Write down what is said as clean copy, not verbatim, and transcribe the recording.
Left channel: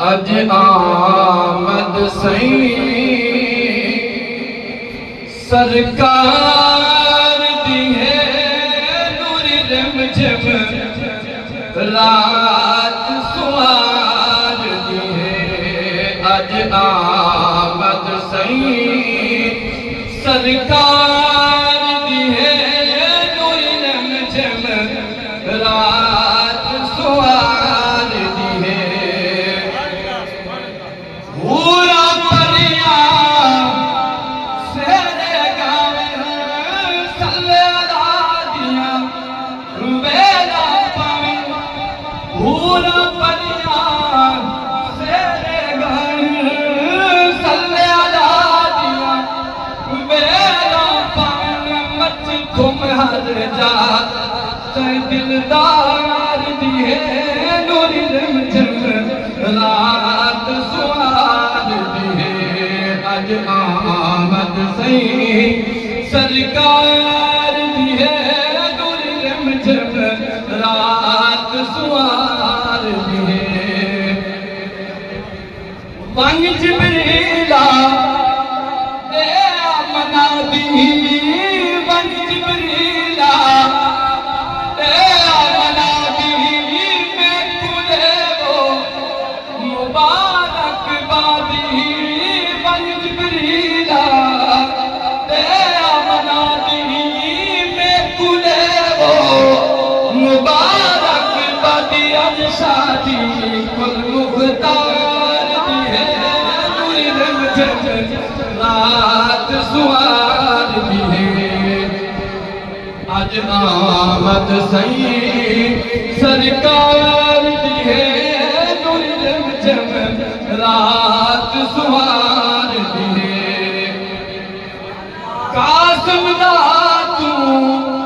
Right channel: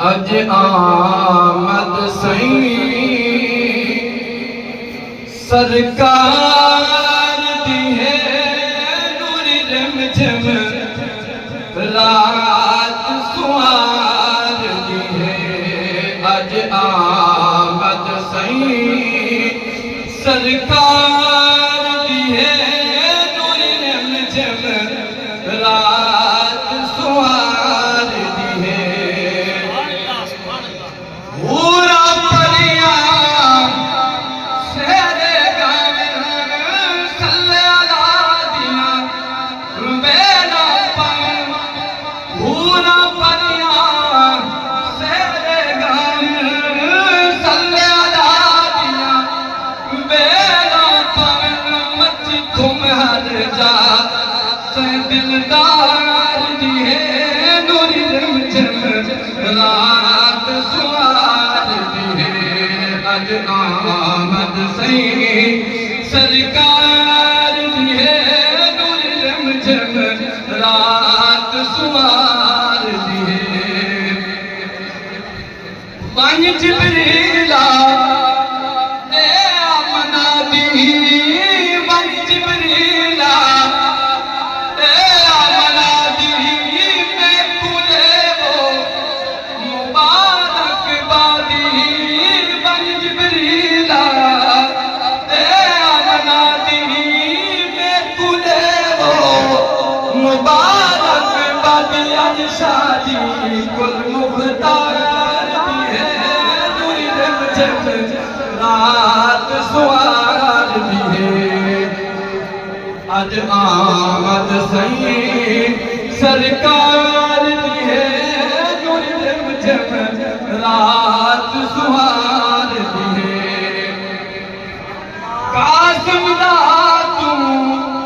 اج آمد سائیں سرکار دی ہے نور رمجم رات سوار دی ہے اج آمد سائیں سرکار دی ہے نور رمجم رات سوار دی ہے دلدار دی ہے نور رمجم رات سوار دی ہے اج آمد سائیں سرکار دی ہے نور رمجم رات سوار دی ہے one جبریلا a Amna the one جبریلا شادی کل مختار دی ہے نور رمجم رات سوار دی ہے اج آمد سائیں سرکار دی ہے نور رمجم رات سوار دی ہے قاسم دا تو